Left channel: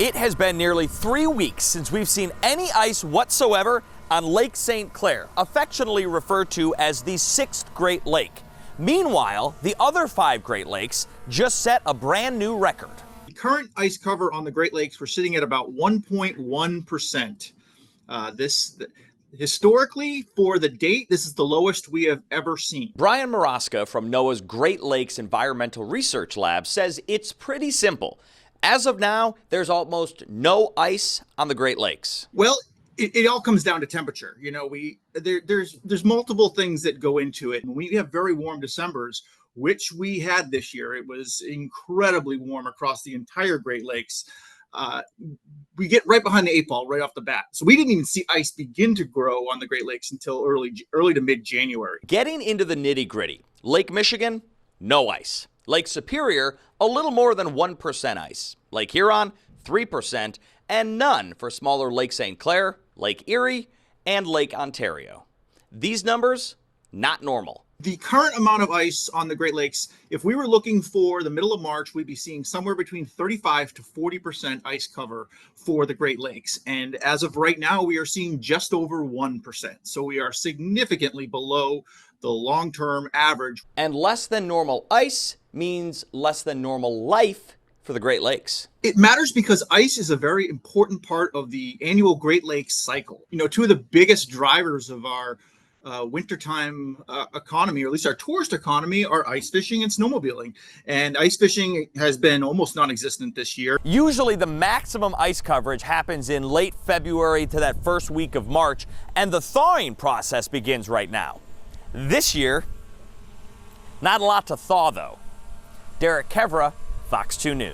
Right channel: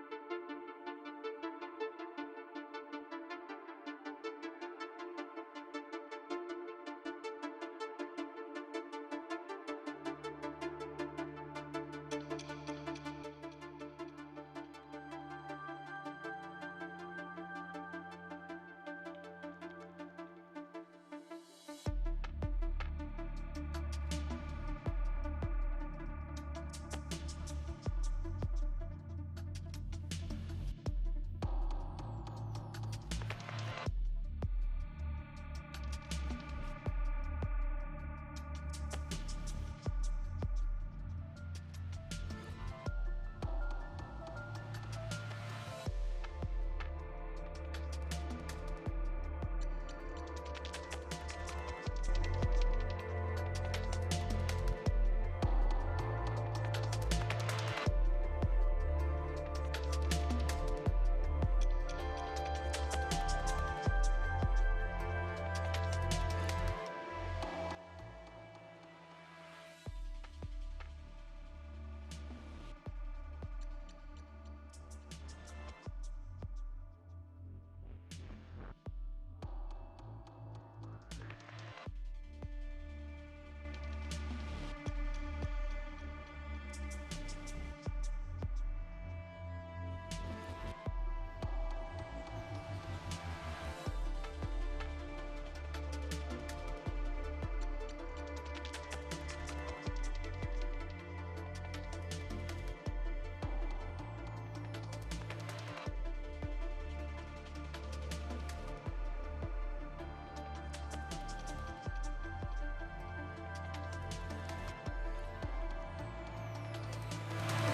It has been nearly 3 weeks since we've seen any ice whatsoever on Lake St. Clair, affectionately referred to as the 6th Great Lake. Meanwhile, the other 5 Great Lakes just set a brand new record. The current ice cover on the Great Lakes, we're sitting at about 1.1%. Historically, for the date, this is the lowest we have ever seen. Brian Maraska from NOAA's Great Lakes Environmental Research Lab says it's pretty simple. As of now, there's almost no ice on the Great Lakes. Well, it all comes down to temperature. You know, there's multiple things that go into it. And when we have very warm Decembers, which we had this year, it was incredibly warm across the entire Great Lakes. We get right behind the 8 ball right off the bat. So we didn't even see ice begin to grow on the Great Lakes until early to mid-January. Getting into the nitty-gritty, Lake Michigan, no ice. Lake Superior, a little more than 1% ice. Lake Huron, 3%, and none for smaller Lake St. Clair, Lake Erie, and Lake Ontario. These numbers, not normal. The current amount of ice on the Great Lakes, if we were looking for the middle of March, we'd be seeing somewhere between 35 to 40% ice cover for the Great Lakes. And as of right now, we are seeing just over 1%. So we are significantly below the long-term average. And less than normal ice means less than normal life for the Great Lakes. It matters because ice is a very important part of the annual Great Lakes cycle. You know, two of the biggest drivers of our wintertime economy, or at least our tourist economy, are ice fishing and snowmobiling. And ice fishing has been almost non-existent this year. Usually the maximum ice coverage happens in late February to that first week of March, and the thawing process begins right now. This year, not a lot to thaw though. Derek Kevra, Fox 2 News.